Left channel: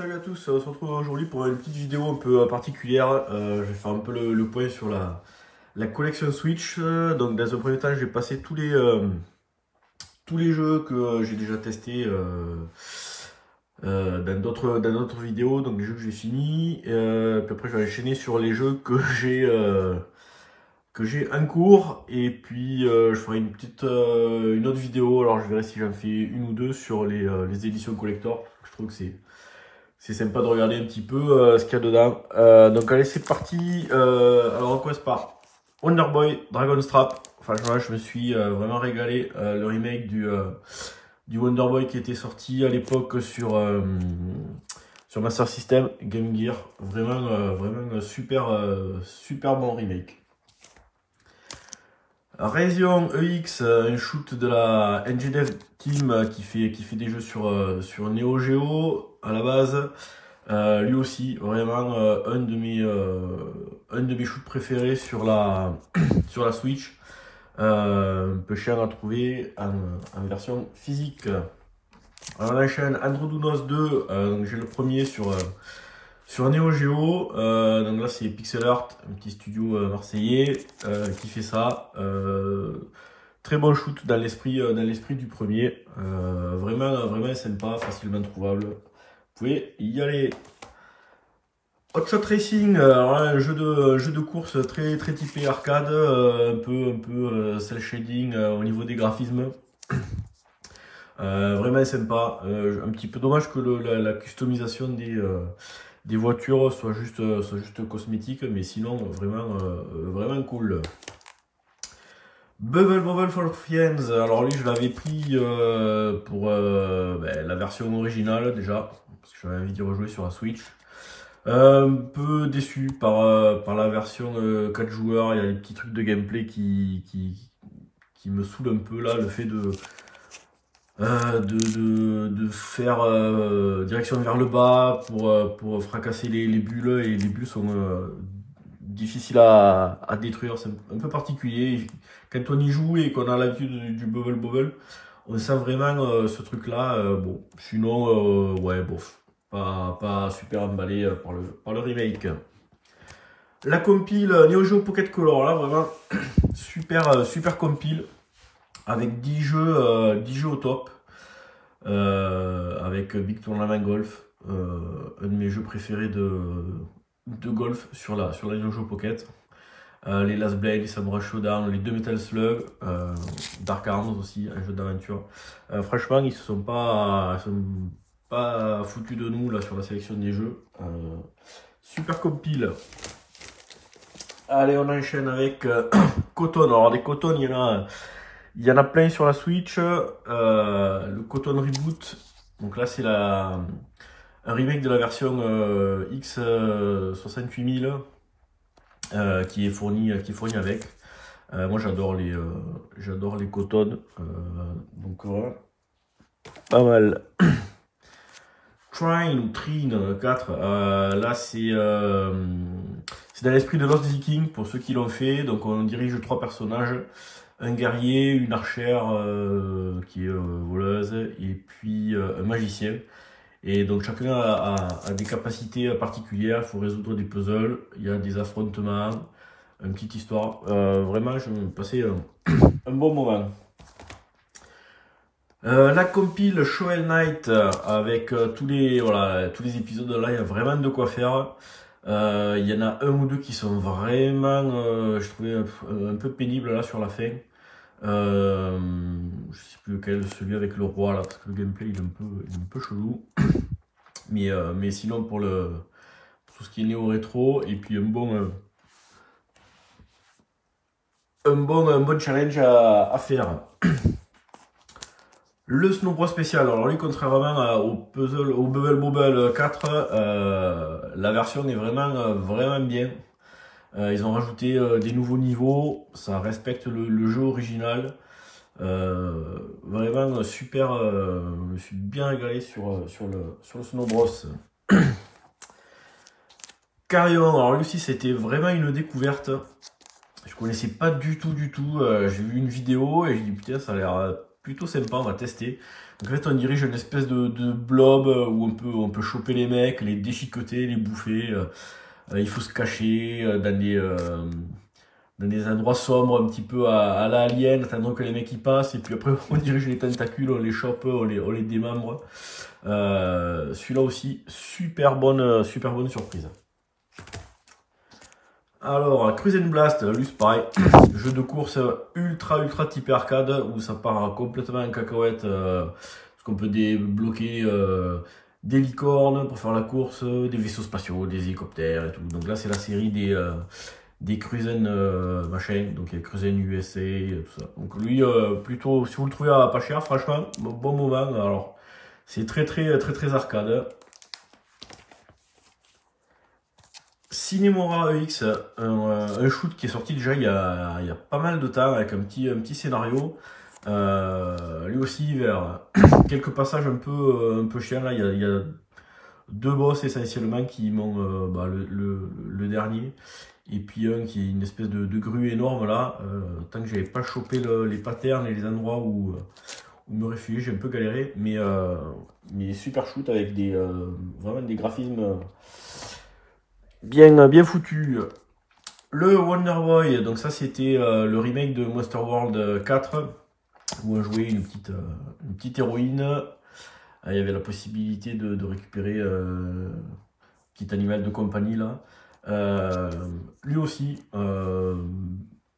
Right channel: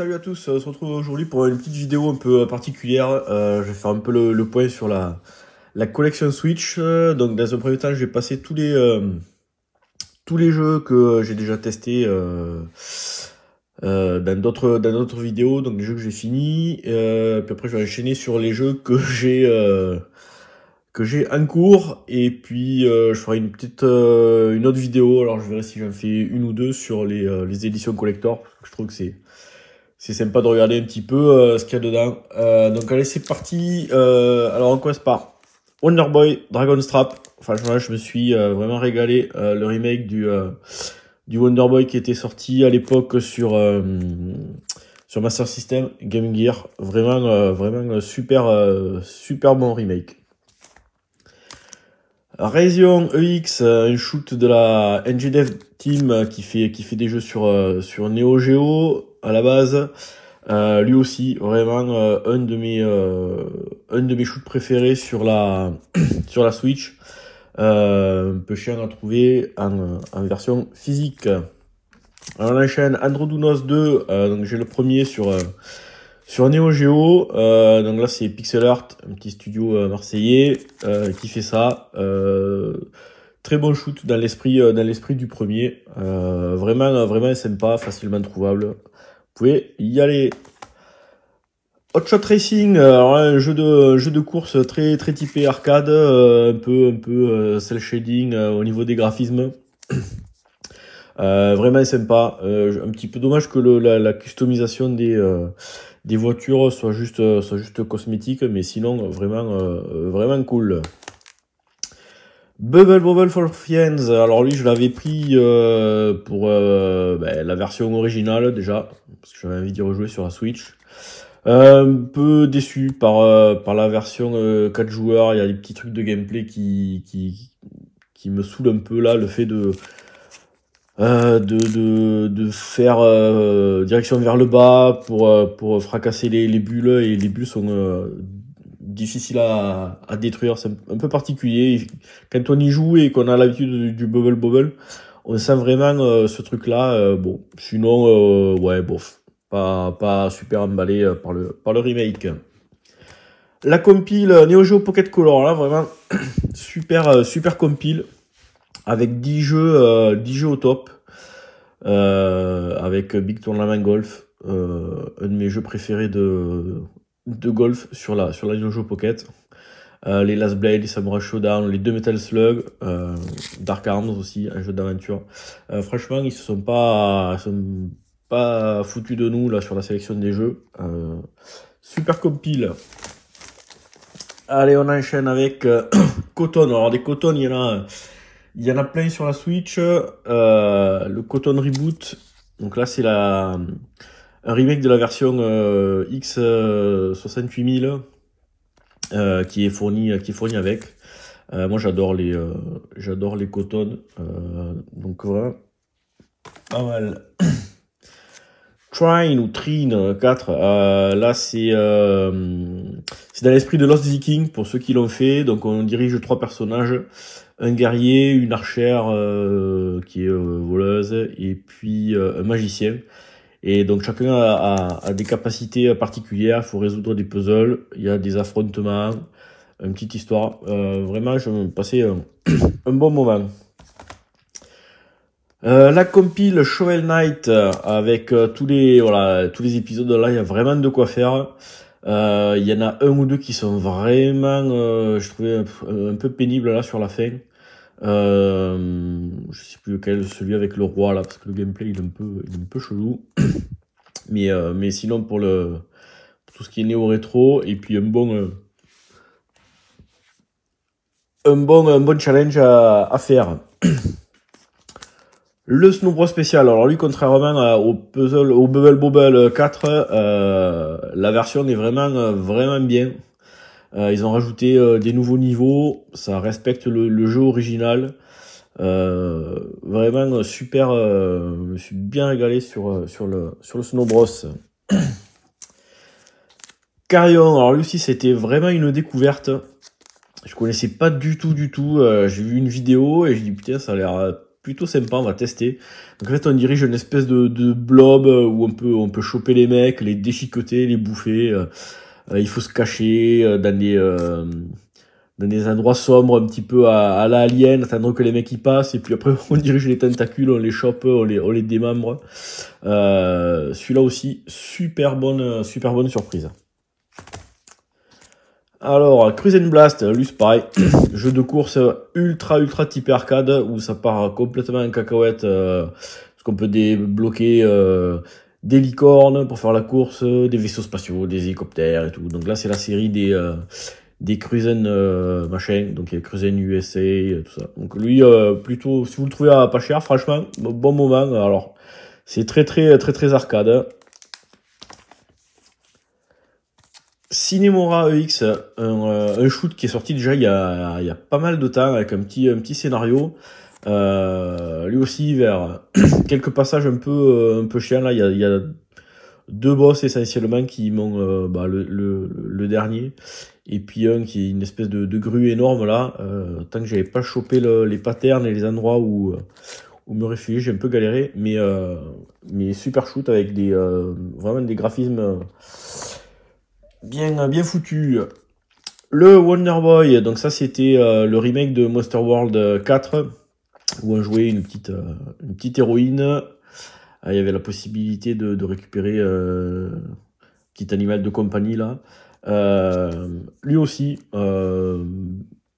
Salut à tous, on se retrouve aujourd'hui pour une petite vidéo un peu particulière. Je vais faire un peu le point sur la collection Switch. Donc dans un premier temps, je vais passer tous les jeux que j'ai déjà testés dans d'autres vidéos, donc les jeux que j'ai finis. Puis après, je vais enchaîner sur les jeux que j'ai en cours. Et puis, je ferai une autre vidéo. Alors, je verrai si j'en fais une ou deux sur les éditions collector. Je trouve que c'est sympa de regarder un petit peu ce qu'il y a dedans. Donc allez, c'est parti. Alors on commence par Wonder Boy Dragon's Trap. Franchement, je me suis vraiment régalé. Le remake du Wonder Boy qui était sorti à l'époque sur Master System, Game Gear. Vraiment super bon remake. Raison EX, un shoot de la NGDev Team qui fait des jeux sur Neo Geo à la base. Lui aussi, vraiment un de mes shoots préférés sur la Switch. Un peu cher à trouver en version physique. Alors, on enchaîne Androdounos 2, donc j'ai le premier sur Neo Geo. Donc là c'est Pixel Art, un petit studio marseillais qui fait ça. Très bon shoot dans l'esprit du premier. Vraiment sympa, facilement trouvable. Vous pouvez y aller. Hot Shot Racing, alors là, un jeu de course très typé arcade, un peu cel shading au niveau des graphismes. Vraiment sympa. Un petit peu dommage que la customisation des voitures soit juste cosmétique, mais sinon vraiment cool. Bubble for Friends, alors lui je l'avais pris pour la version originale déjà, parce que j'avais envie d'y rejouer sur la Switch. Un peu déçu par la version 4 joueurs, il y a des petits trucs de gameplay qui me saoulent un peu là, le fait de faire direction vers le bas pour fracasser les bulles, et les bulles sont difficiles à détruire, c'est un peu particulier. Quand on y joue et qu'on a l'habitude du bubble, on sent vraiment ce truc là. Bon, sinon ouais, bof, pas super emballé par le remake. La compile Neo Geo Pocket Color, là vraiment super compile avec 10 jeux au top, avec Big Tournament Golf, un de mes jeux préférés de golf sur la Neo Geo Pocket. Les Last Blade, les Samurai Showdown, les 2 Metal Slug, Dark Arms aussi, un jeu d'aventure. Franchement, ils sont pas foutus de nous là sur la sélection des jeux. Super compile. Allez, on enchaîne avec Cotton. Alors des Cotton, il y en a plein sur la Switch. Le Cotton Reboot. Donc là, c'est un remake de la version X68000 qui est fourni avec. Moi, j'adore les Cotton. Donc vraiment pas mal. Trine ou Trine 4, là c'est dans l'esprit de Lost Viking pour ceux qui l'ont fait. Donc on dirige 3 personnages, un guerrier, une archère qui est voleuse, et puis un magicien. Et donc chacun a des capacités particulières, il faut résoudre des puzzles, il y a des affrontements, une petite histoire. Vraiment, je me passais un bon moment. La compile Shovel Knight avec tous les épisodes, là il y a vraiment de quoi faire. Il y en a un ou deux qui sont vraiment je trouvais un peu pénibles là sur la fin. Je sais plus lequel, celui avec le roi là, parce que le gameplay il est un peu chelou. Mais sinon pour tout ce qui est néo rétro, et puis un bon challenge à faire. Le Snow Bros spécial, alors lui, contrairement au Bubble Bobble 4, la version est vraiment bien. Ils ont rajouté des nouveaux niveaux, ça respecte le jeu original. Vraiment super, je me suis bien régalé sur le Snow Bros. Carrion, alors lui aussi c'était vraiment une découverte. Je connaissais pas du tout. J'ai vu une vidéo et j'ai dit putain, ça a l'air plutôt sympa, on va tester. Donc en fait, on dirige une espèce de blob où on peut choper les mecs, les déchiqueter, les bouffer. Il faut se cacher dans des endroits sombres, un petit peu à la Alien, attendre que les mecs y passent, et puis après on dirige les tentacules, on les chope, on les démembre. Celui-là aussi, super bonne surprise. Alors, Cruise and Blast, lui c'est pareil, jeu de course ultra typé arcade, où ça part complètement en cacahuète, parce qu'on peut débloquer des licornes pour faire la course, des vaisseaux spatiaux, des hélicoptères et tout. Donc là c'est la série des Cruisen machin, donc il y a Cruisen USA, tout ça. Donc lui, plutôt, si vous le trouvez à pas cher, franchement, bon moment. Alors, c'est très arcade. Cinemora EX, un shoot qui est sorti déjà il y a pas mal de temps, avec un petit scénario. Lui aussi, vers quelques passages un peu chiants, là, il y a deux boss essentiellement qui m'ont le dernier, et puis un qui est une espèce de grue énorme là. Tant que j'avais pas chopé les patterns et les endroits où me réfugier, j'ai un peu galéré, mais super shoot avec vraiment des graphismes bien foutus. Le Wonder Boy, donc ça c'était le remake de Monster World 4, où on jouait une petite héroïne. Il y avait la possibilité de récupérer petit animal de compagnie là. Lui aussi,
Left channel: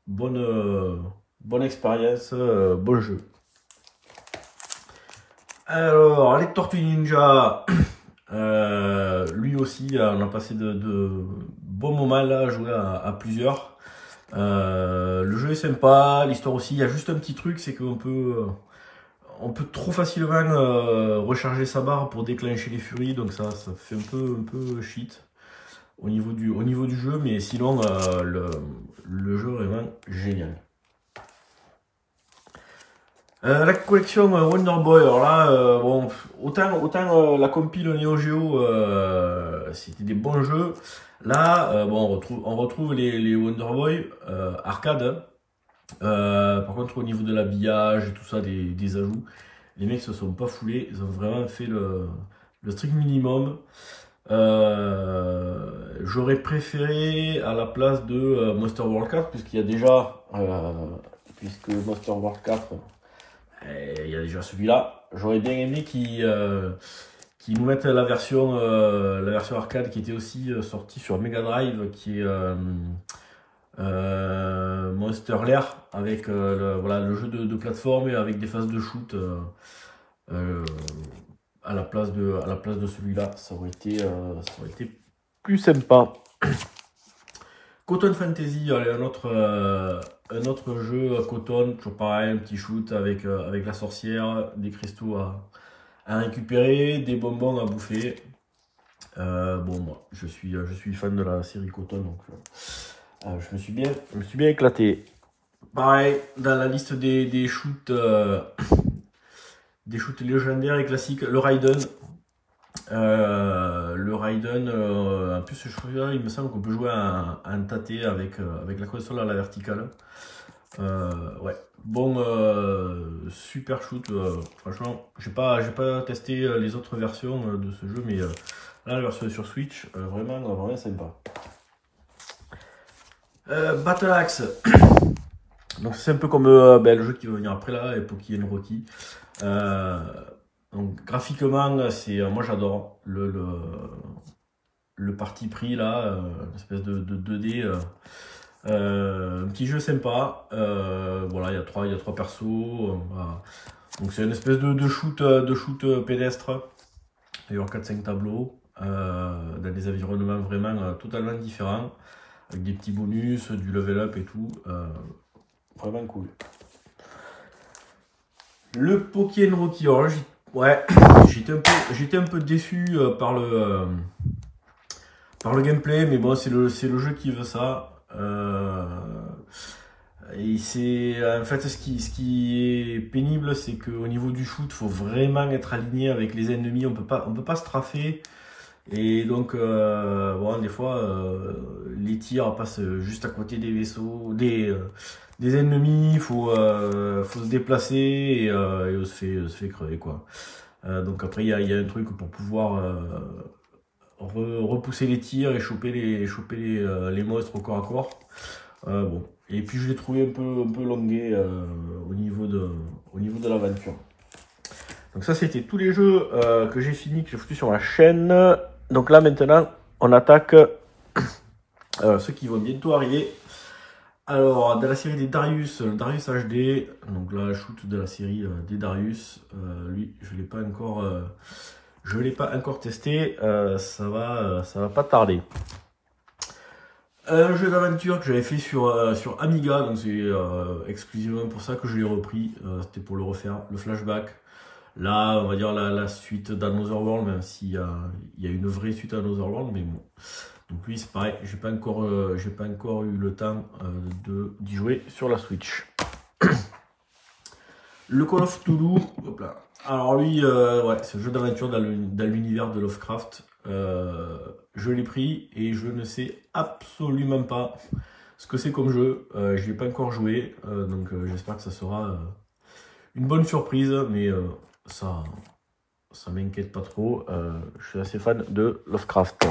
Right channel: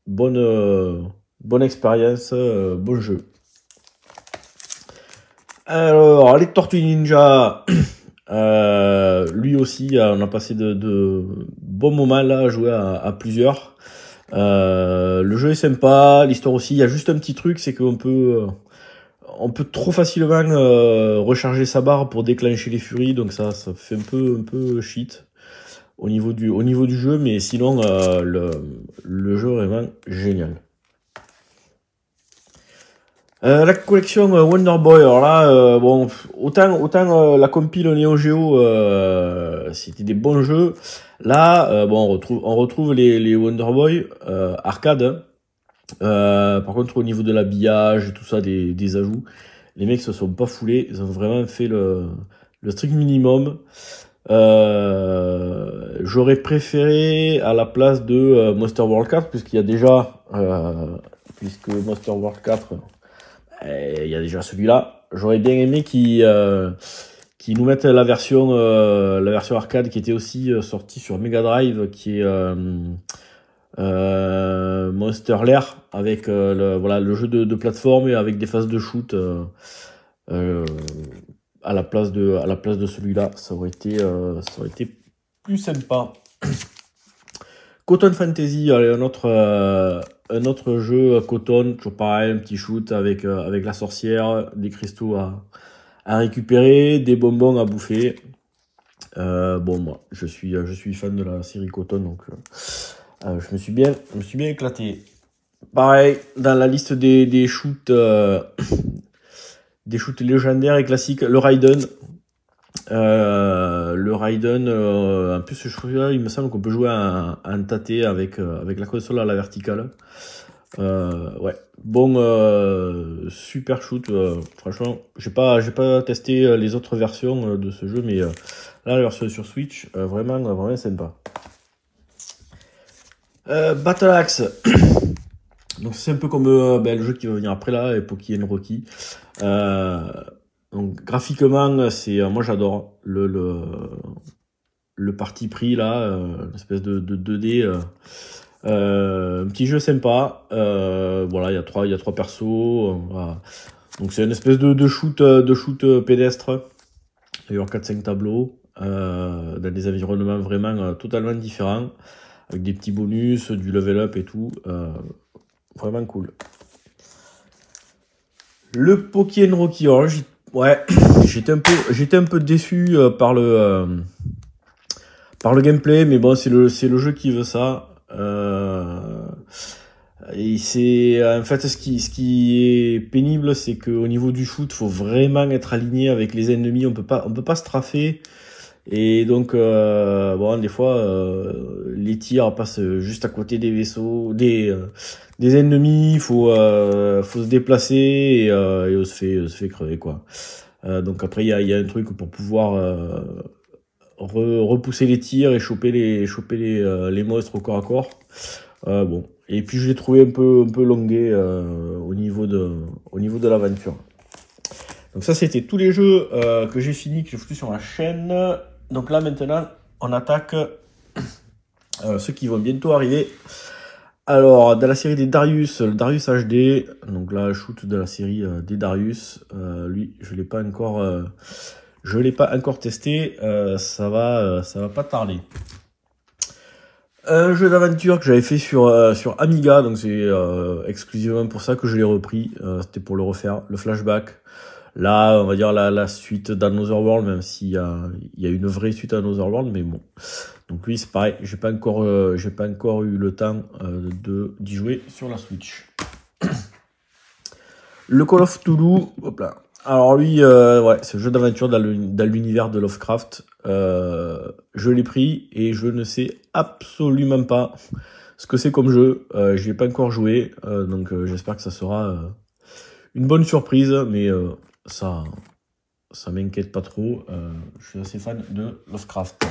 bonne expérience, bon jeu. Alors, les Tortues Ninja, lui aussi, on a passé de bons moments là à jouer à plusieurs. Le jeu est sympa, l'histoire aussi. Il y a juste un petit truc, c'est qu'on peut trop facilement recharger sa barre pour déclencher les furies, donc ça fait un peu shit au niveau du jeu, mais sinon le jeu est vraiment génial. La collection Wonder Boy, alors là, bon, autant la compile Neo Geo, c'était des bons jeux. Là, bon, on retrouve les Wonder Boy arcade. Par contre, au niveau de l'habillage et tout ça, des ajouts, les mecs se sont pas foulés, ils ont vraiment fait le strict minimum. J'aurais préféré à la place de Monster World 4, puisqu'il y a déjà, puisque Monster World 4, il y a déjà celui-là. J'aurais bien aimé qu'ils nous mettent la version arcade qui était aussi sortie sur Mega Drive, qui est Monster Lair, avec le jeu de plateforme et avec des phases de shoot à la place de celui-là. Ça aurait été plus sympa. Cotton Fantasy, allez, un autre jeu Cotton, toujours pareil, un petit shoot avec la sorcière, des cristaux à récupérer, des bonbons à bouffer. Bon, moi je suis fan de la série Cotton, donc je me suis bien éclaté. Pareil, dans la liste des shoots légendaires et classiques, le Raiden. En plus je trouve là, il me semble qu'on peut jouer en tâté avec la console à la verticale. Ouais, bon, super shoot. Franchement, j'ai pas testé les autres versions de ce jeu, mais là la version sur Switch, vraiment sympa. Battle Axe. Donc c'est un peu comme le jeu qui va venir après là, Pokémon Rocky. Donc graphiquement, moi j'adore le parti pris là, l'espèce de 2D. Un petit jeu sympa. Voilà, il y a trois persos. Voilà. Donc c'est une espèce de shoot pédestre. Il y a 4-5 tableaux dans des environnements vraiment totalement différents, avec des petits bonus, du level up et tout. Vraiment cool. Le Pokémon Rocky, alors ouais, j'étais un peu déçu par le gameplay, mais bon, c'est le jeu qui veut ça. Et c'est en fait ce qui est pénible, c'est qu'au niveau du shoot, faut vraiment être aligné avec les ennemis. On peut pas strafer. Et donc, bon, des fois, les tirs passent juste à côté des vaisseaux, des ennemis. Faut se déplacer et on se fait crever, quoi. Donc après, il y a un truc pour pouvoir repousser les tirs et choper les monstres au corps à corps. Bon. Et puis je l'ai trouvé un peu longué au niveau de l'aventure. Donc ça, c'était tous les jeux que j'ai fini, que j'ai foutu sur ma chaîne. Donc là, maintenant, on attaque ceux qui vont bientôt arriver. Alors, dans la série des Darius, le Darius HD, donc là, shoot de la série des Darius, lui, je l'ai pas encore testé, ça va pas tarder. Un jeu d'aventure que j'avais fait sur Amiga, donc c'est exclusivement pour ça que je l'ai repris, c'était pour le refaire, le Flashback. Là, on va dire la suite d'Another World, même s'il y a une vraie suite à Another World, mais bon. Donc lui, c'est pareil, j'ai pas encore eu le temps d'y jouer sur la Switch. Le Call of Cthulhu, hop là. Alors lui, ouais, c'est un jeu d'aventure dans l'univers de Lovecraft. Je l'ai pris et je ne sais absolument pas ce que c'est comme jeu. Je n'y ai pas encore joué, donc j'espère que ça sera une bonne surprise, mais ça m'inquiète pas trop. Je suis assez fan de Lovecraft.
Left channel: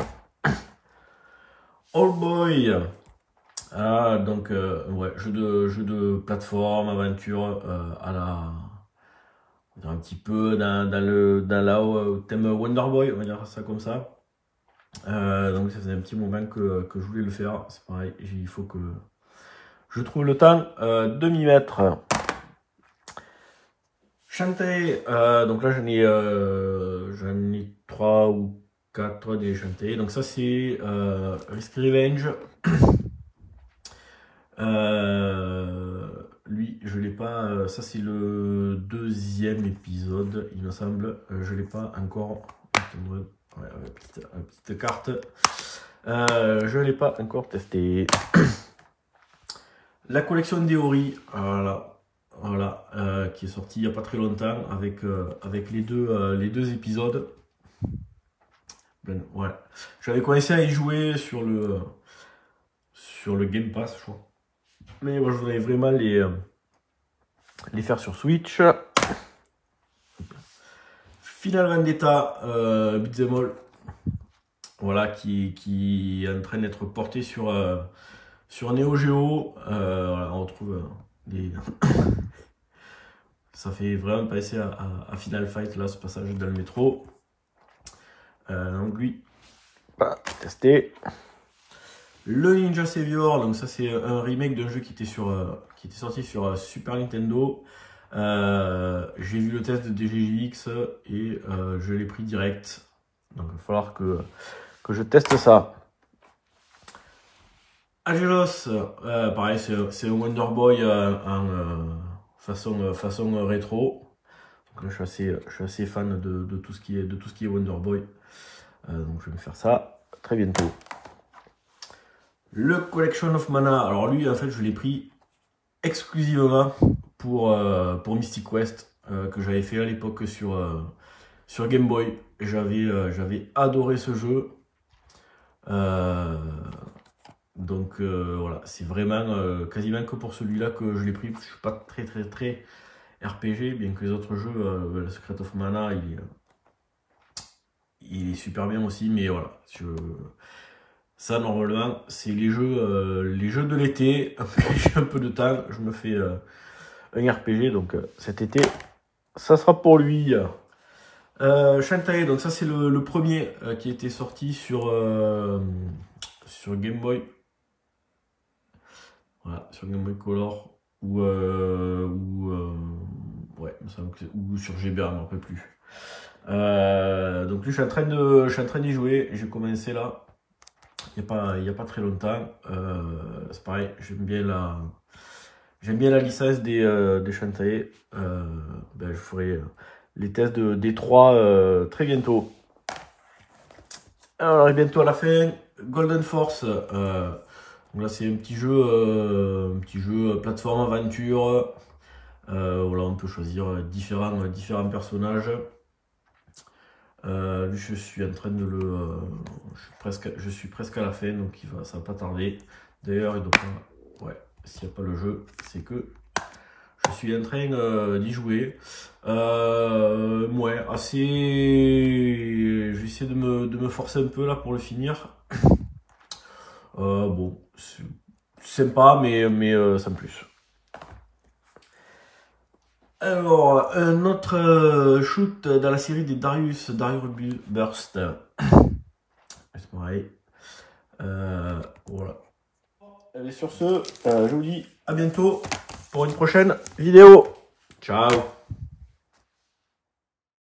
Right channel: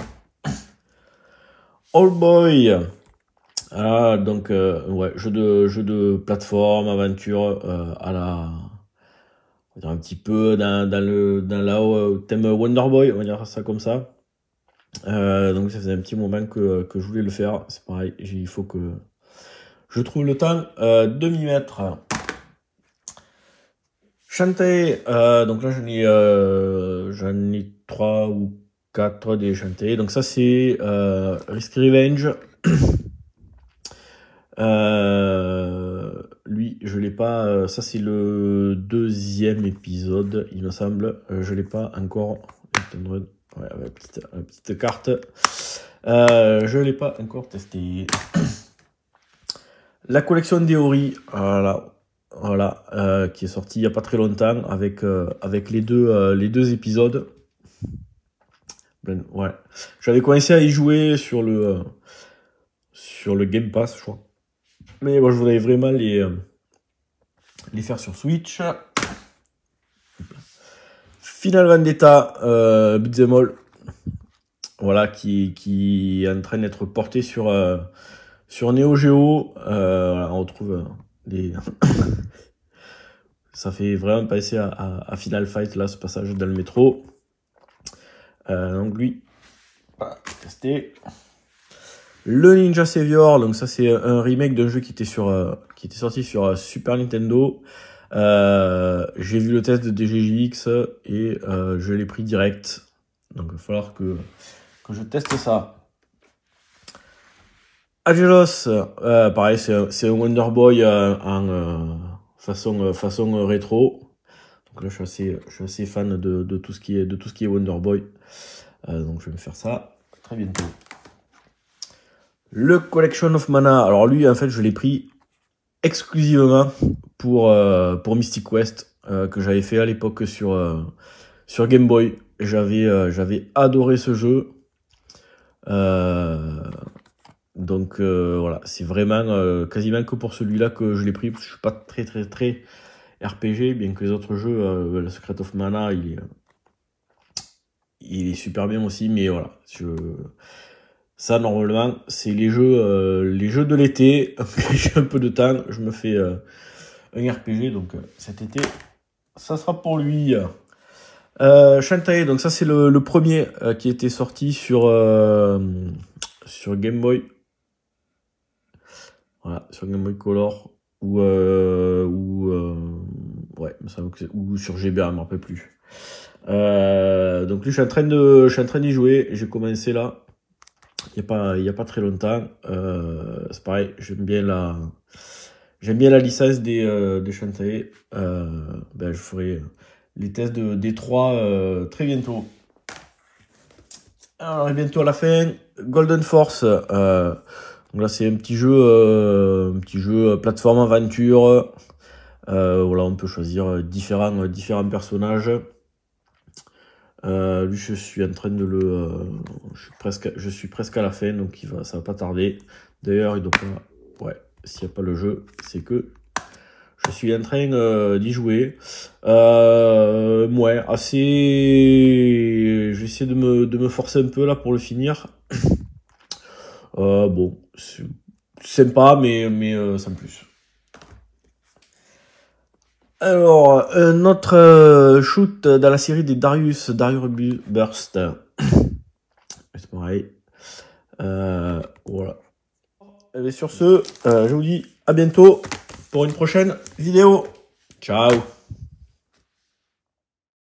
Old Boy. Ah, donc ouais, jeu de plateforme, aventure on va dire un petit peu dans le thème Wonder Boy, on va dire ça comme ça. Donc ça faisait un petit moment que je voulais le faire. C'est pareil, il faut que je trouve le temps de m'y mettre. Shantae, donc là j'en ai 3 ou 4 des Shantae. Donc ça c'est Risk Revenge. Lui, je l'ai pas. Ça c'est le 2e épisode, il me semble. Je l'ai pas encore. Ouais, petite carte. Je l'ai pas encore testé. La collection d'Eori, voilà, qui est sortie il y a pas très longtemps avec les deux épisodes. Ben, ouais, j'avais commencé à y jouer sur le Game Pass, je crois. Mais moi, je voudrais vraiment les faire sur Switch. Final Vendetta, Beat'em All, voilà, qui est en train d'être porté sur Neo Geo. Voilà, on retrouve des... Ça fait vraiment penser à Final Fight, là, ce passage dans le métro. Donc lui, voilà, testé. Le Ninja Savior, donc ça c'est un remake d'un jeu qui était sorti sur Super Nintendo. J'ai vu le test de DGJX et je l'ai pris direct. Donc il va falloir que je teste ça. Agelos, pareil, c'est un Wonder Boy en façon rétro. Donc là je suis assez fan de tout ce qui est Wonder Boy. Donc je vais me faire ça très bientôt. Le Collection of Mana, alors lui en fait je l'ai pris exclusivement pour Mystic Quest, que j'avais fait à l'époque sur Game Boy. J'avais adoré ce jeu. Donc voilà, c'est vraiment quasiment que pour celui-là que je l'ai pris, parce que je suis pas très RPG, bien que les autres jeux, le Secret of Mana, il est super bien aussi, mais voilà, ça normalement c'est les jeux de l'été. J'ai un peu de temps, je me fais un RPG, donc cet été ça sera pour lui. Shantae, donc ça c'est le premier qui était sorti sur Game Boy. Voilà, sur Game Boy Color ou sur GBA, je ne me rappelle plus. Donc lui, je suis en train d'y jouer. J'ai commencé là, il y a pas très longtemps. C'est pareil, j'aime bien la licence des Shantae. Je ferai les tests des 3 très bientôt. Alors, on arrive bientôt à la fin. Golden Force. Donc là, c'est un petit jeu plateforme aventure. Voilà, on peut choisir différents personnages. Lui, je suis en train de le... je suis presque à la fin, donc ça va pas tarder. D'ailleurs, il doit pas... Ouais, s'il n'y a pas le jeu, c'est que je suis en train d'y jouer. Ouais, assez... Je vais essayer de me forcer un peu là pour le finir. Bon, c'est sympa, mais sans plus. Alors, un autre shoot dans la série des Darius Burst. C'est pareil. Voilà. Et sur ce, je vous dis à bientôt pour une prochaine vidéo. Ciao.